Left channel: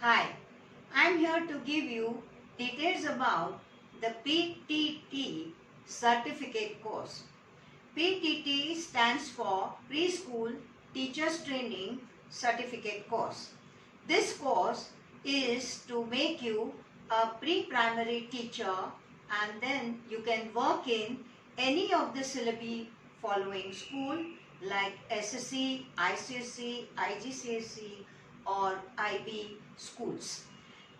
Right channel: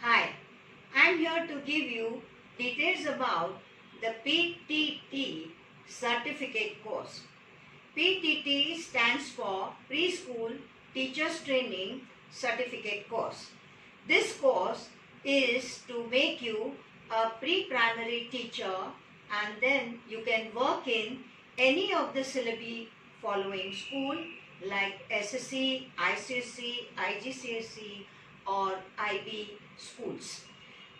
Hi, I'm here to give you details about the PTT certificate course. PTT stands for Preschool Teachers Training Certificate Course. This course is to make you a pre-primary teacher, and then you can work in any of the syllabi following school like SSC, ICSE, IGCSE or IB schools.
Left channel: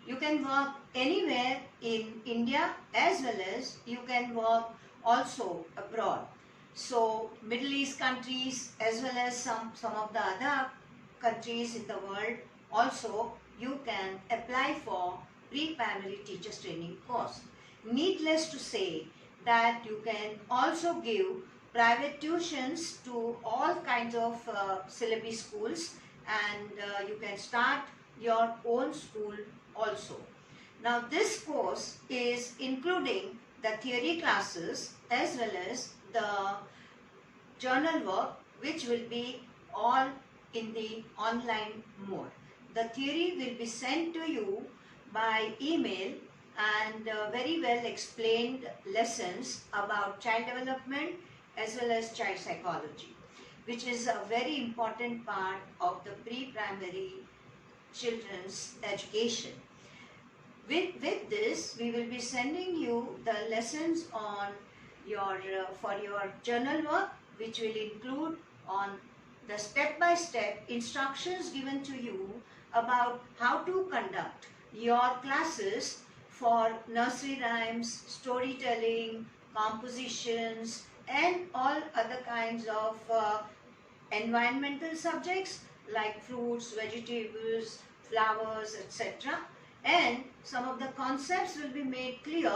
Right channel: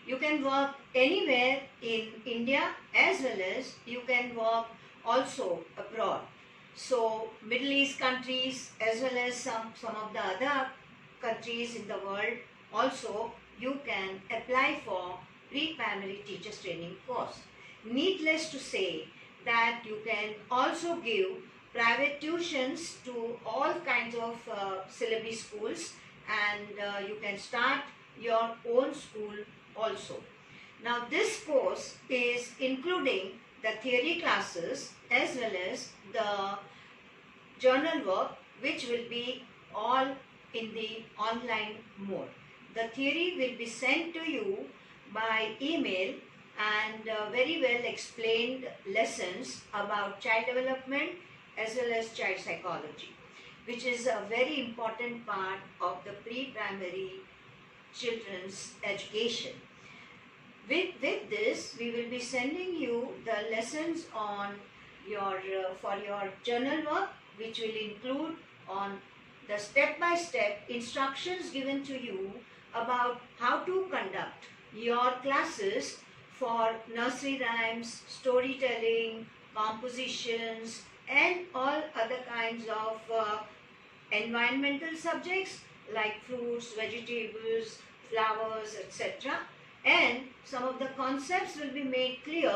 You can work anywhere in India as well as you can work also abroad. So Middle East countries as well as some of the other countries in the world also you can apply for pre-primary teachers training course. Needless to say that you can also give private tuitions to all kinds of syllabi schools, and you can start your own school also. Now this course is including the theory classes as well as the journal work, which will be all in the online mode. The theory will be sent to you by email, and very well explained lessons about child development as well as child psychology, which is a very important part of the pre-primary children's education. With this, we will be sending you the lessons on your for your journal work, which will include on the step-by-step instructions given to you about how to conduct your classes for nursery rhymes, storytelling, compositions, and all other kinds of environmental subjects like fruits, vegetables, flowers, etc. And some of the concepts will be made clear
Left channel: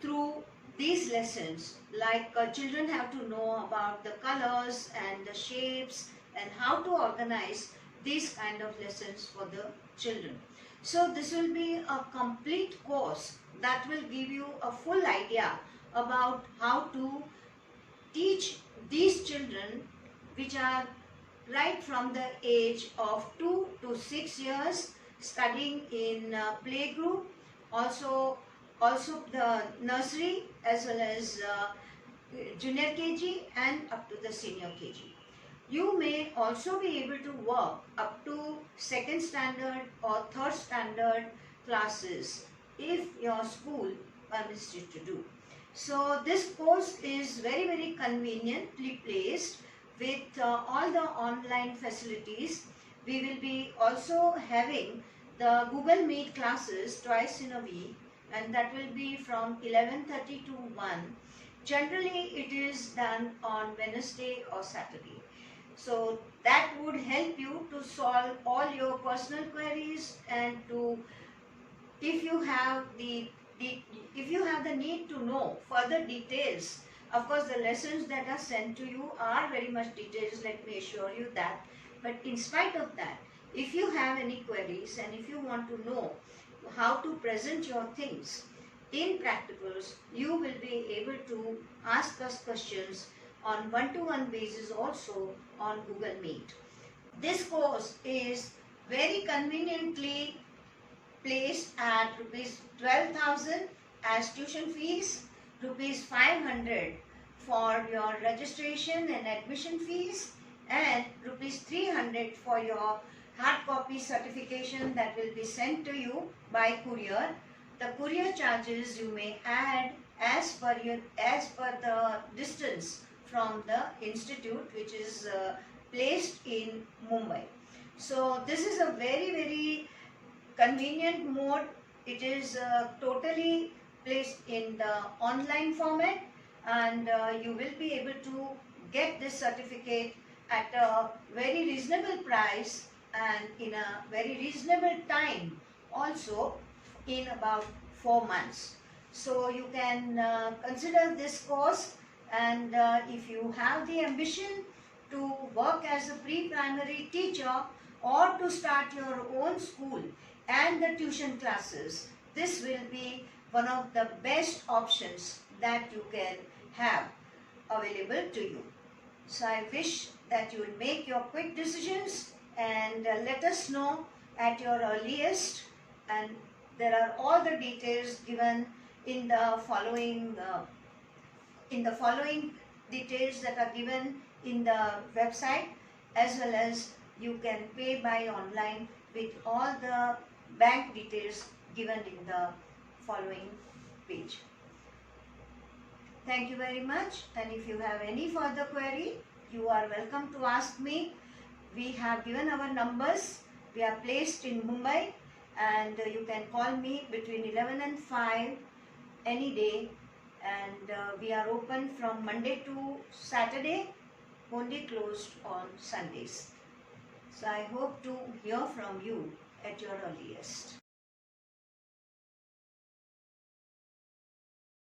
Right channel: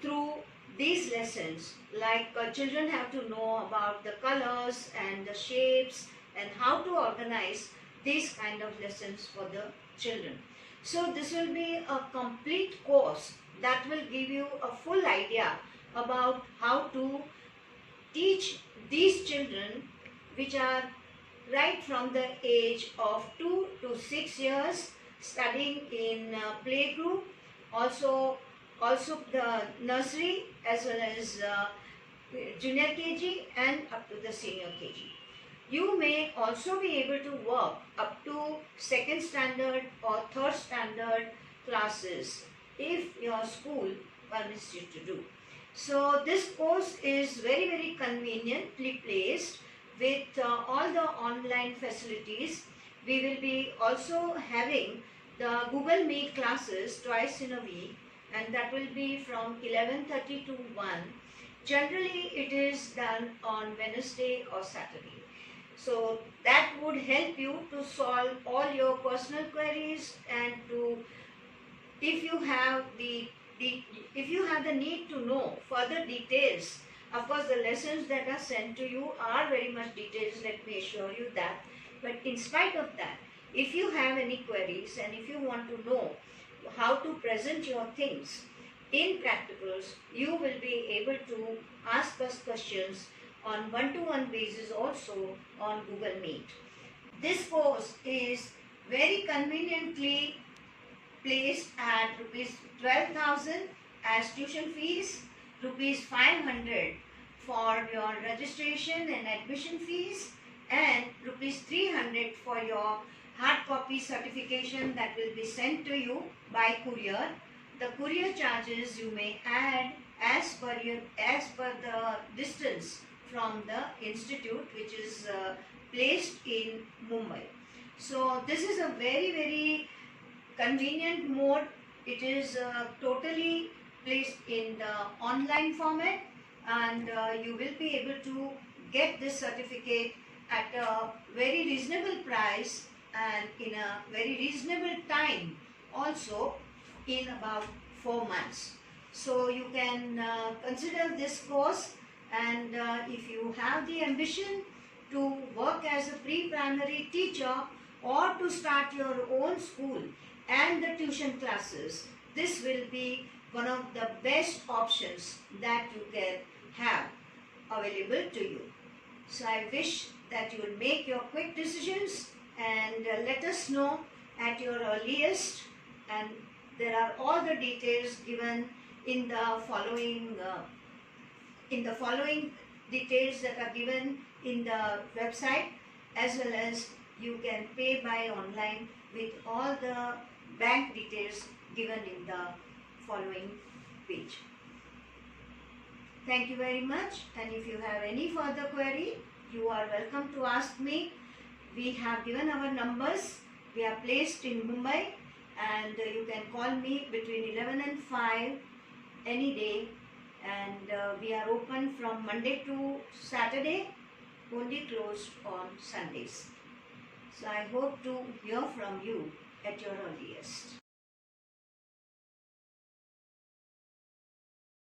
through these lessons, like children have to know about the colors and the shapes and how to organize these kind of lessons for the children. So this will be a complete course that will give you a full idea about how to teach these children, which are right from the age of 2 to 6 years, studying in playgroup, also the nursery as well as junior KG and up to the senior KG. You may also be able to work up to second standard or third standard classes if your school permits you to do. So this course is very conveniently placed with all the online facilities. We will be also having the Google Meet classes twice in a week, and that will be from 11:30 to 1. Generally it is done on Wednesday or Saturday. So that would help you to solve all your personal queries, and to if you have the need to know further details. Of course, the lessons that are sent to you are very much detailed, let me assure you that. But in spite of that, if you have any queries and if you want to know how to present your things in practicals, you will be able to ask us questions on one-to-one basis also on Google Meet. This course is very conveniently placed at rupees 12,000 as tuition fees, rupees 500 for your registration and admission fees, and rupees 300 for your hard copy certification that will be sent to you by courier. The courier charges you may add as per the distance from the institute, which is placed in Mumbai. So this is a very convenient mode. It is totally placed in the online format, and you will be able to get this certificate at a very reasonable price and in a very reasonable time, also in about 4 months. So you can consider this course, and if you have the ambition to work as a pre-primary teacher or to start your own school and the tuition classes, this will be one of the best options that you can have available to you. So I wish that you will make your quick decisions and let us know at your earliest, and there are all the details given in the following details that are given in the website, as well as you can pay by online with all the bank details given in the following page. Thank you very much, and if you have any further query, you are welcome to ask me. We have given our numbers. We are placed in Mumbai, and you can call me between 11 and 5 any day, and we are open from Monday to Saturday, only closed on Sundays. So I hope to hear from you at your earliest.